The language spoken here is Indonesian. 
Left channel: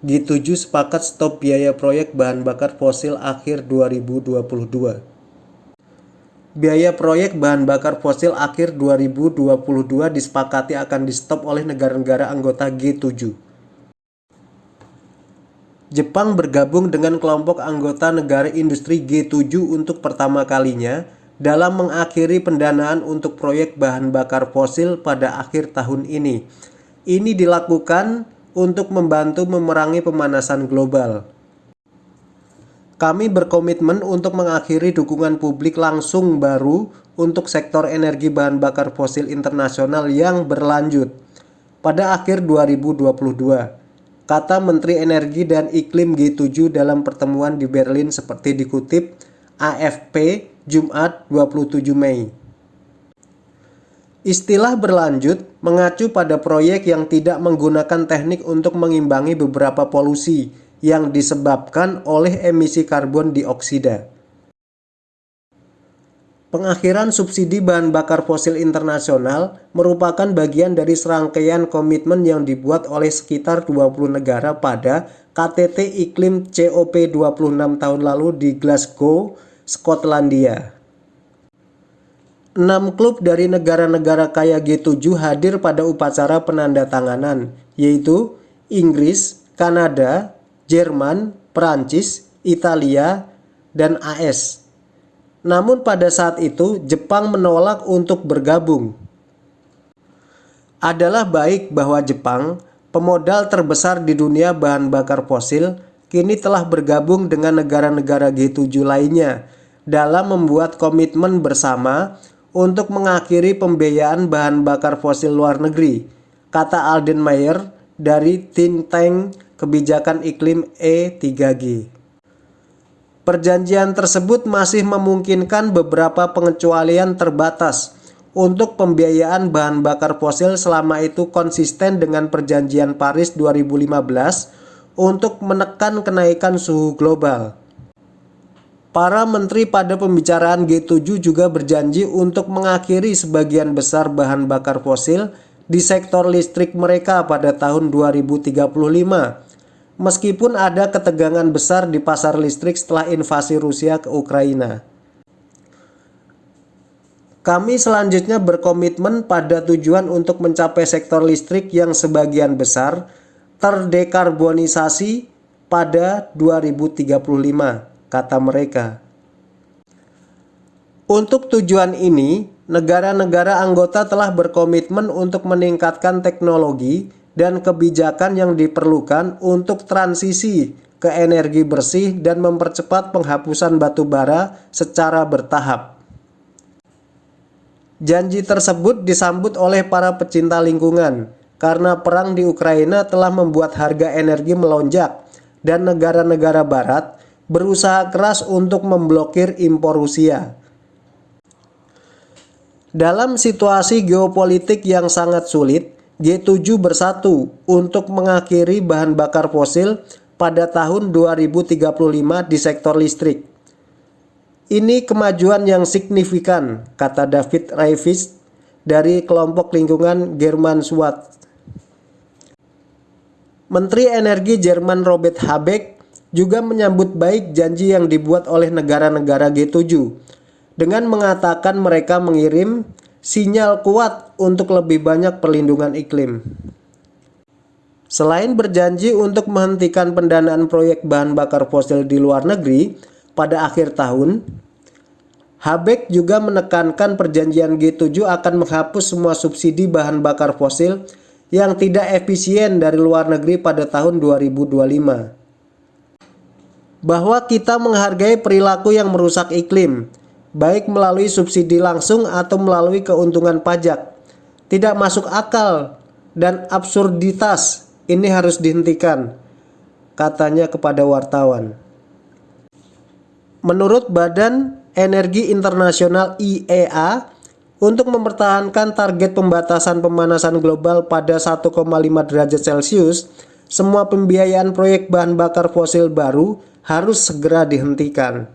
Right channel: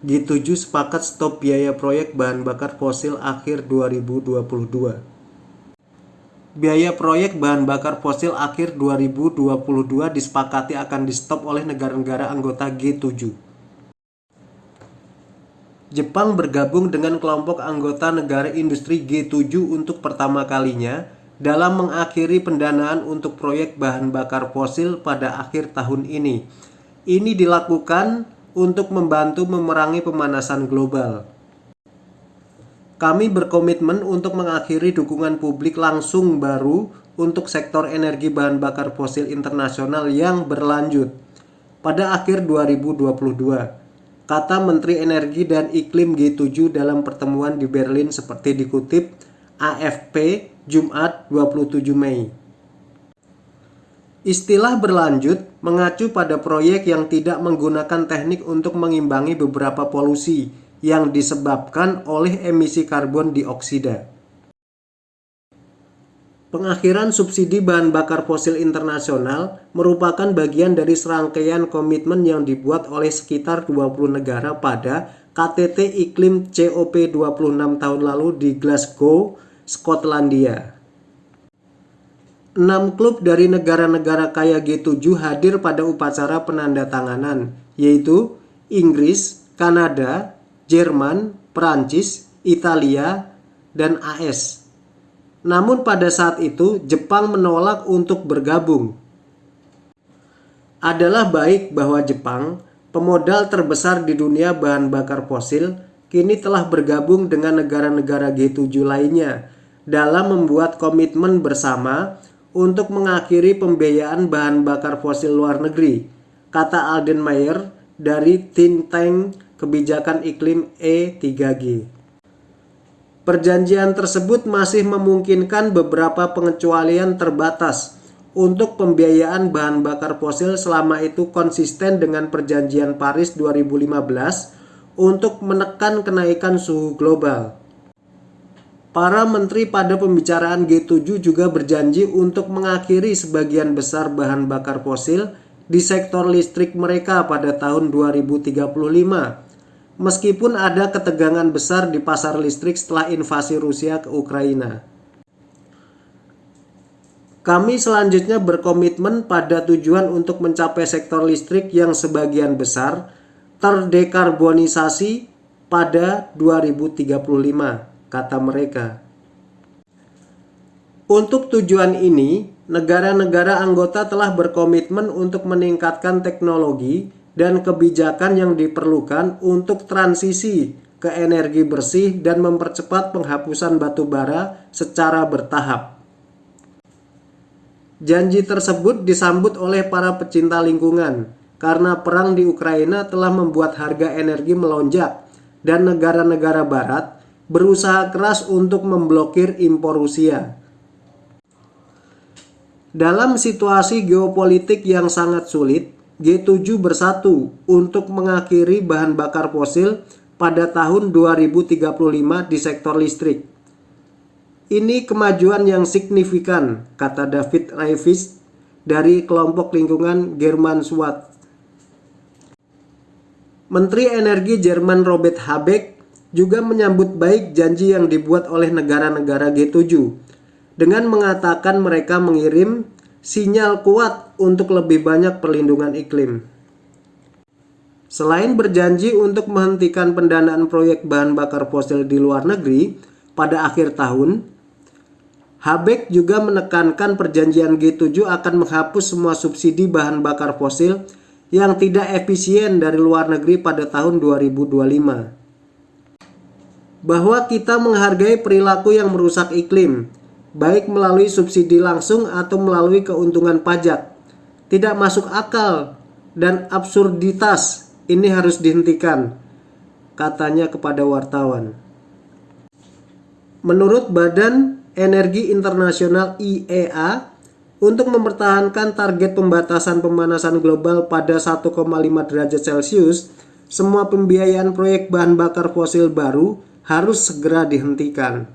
G7 sepakat stop biaya proyek bahan bakar fosil akhir 2022. Biaya proyek bahan bakar fosil akhir 2022 disepakati akan di-stop oleh negara-negara anggota G7. Jepang bergabung dengan kelompok anggota negara industri G7 untuk pertama kalinya dalam mengakhiri pendanaan untuk proyek bahan bakar fosil pada akhir tahun ini. Ini dilakukan untuk membantu memerangi pemanasan global. Kami berkomitmen untuk mengakhiri dukungan publik langsung baru untuk sektor energi bahan bakar fosil internasional yang berlanjut pada akhir 2022, kata Menteri Energi dan Iklim G7 dalam pertemuan di Berlin seperti dikutip AFP Jumat 27 Mei. Istilah berlanjut mengacu pada proyek yang tidak menggunakan teknik untuk mengimbangi beberapa polusi yang disebabkan oleh emisi karbon dioksida. Pengakhiran subsidi bahan bakar fosil internasional merupakan bagian dari serangkaian komitmen yang dibuat oleh sekitar 20 negara pada KTT Iklim COP 26 tahun lalu di Glasgow, Skotlandia. 6 klub dari negara-negara kaya G7 hadir pada upacara penandatanganan, yaitu Inggris, Kanada, Jerman, Perancis, Italia, dan AS. Namun pada saat itu Jepang menolak untuk bergabung. Adalah baik bahwa Jepang, pemodal terbesar di dunia bahan bakar fosil, kini telah bergabung dengan negara-negara G7 lainnya dalam membuat komitmen bersama untuk mengakhiri pembiayaan bahan bakar fosil luar negeri, kata Alden Mayer dari think tank kebijakan iklim E3G. Perjanjian tersebut masih memungkinkan beberapa pengecualian terbatas untuk pembiayaan bahan bakar fosil selama itu konsisten dengan Perjanjian Paris 2015 untuk menekan kenaikan suhu global. Para menteri pada pembicaraan G7 juga berjanji untuk mengakhiri sebagian besar bahan bakar fosil di sektor listrik mereka pada tahun 2035. Meskipun ada ketegangan besar di pasar listrik setelah invasi Rusia ke Ukraina. Kami selanjutnya berkomitmen pada tujuan untuk mencapai sektor listrik yang sebagian besar terdekarbonisasi pada 2035, kata mereka. Untuk tujuan ini, negara-negara anggota telah berkomitmen untuk meningkatkan teknologi dan kebijakan yang diperlukan untuk transisi ke energi bersih dan mempercepat penghapusan batu bara secara bertahap. Janji tersebut disambut oleh para pecinta lingkungan karena perang di Ukraina telah membuat harga energi melonjak dan negara-negara barat berusaha keras untuk memblokir impor Rusia. Dalam situasi geopolitik yang sangat sulit, G7 bersatu untuk mengakhiri bahan bakar fosil pada tahun 2035 di sektor listrik. Ini kemajuan yang signifikan, kata David Raivis dari kelompok lingkungan German Swat. Menteri Energi Jerman Robert Habeck juga menyambut baik janji yang dibuat oleh negara-negara G7 dengan mengatakan mereka mengirim sinyal kuat untuk lebih banyak perlindungan iklim. Selain berjanji untuk menghentikan pendanaan proyek bahan bakar fosil di luar negeri pada akhir tahun, Habeck juga menekankan perjanjian G7 akan menghapus semua subsidi bahan bakar fosil yang tidak efisien dari luar negeri pada tahun 2025. Bahwa kita menghargai perilaku yang merusak iklim, baik melalui subsidi langsung atau melalui keuntungan pajak, tidak masuk akal dan absurditas ini harus dihentikan, katanya kepada wartawan. Menurut Badan Energi Internasional IEA, untuk mempertahankan target pembatasan pemanasan global pada 1,5 derajat Celcius, semua pembiayaan proyek bahan bakar fosil baru harus segera dihentikan.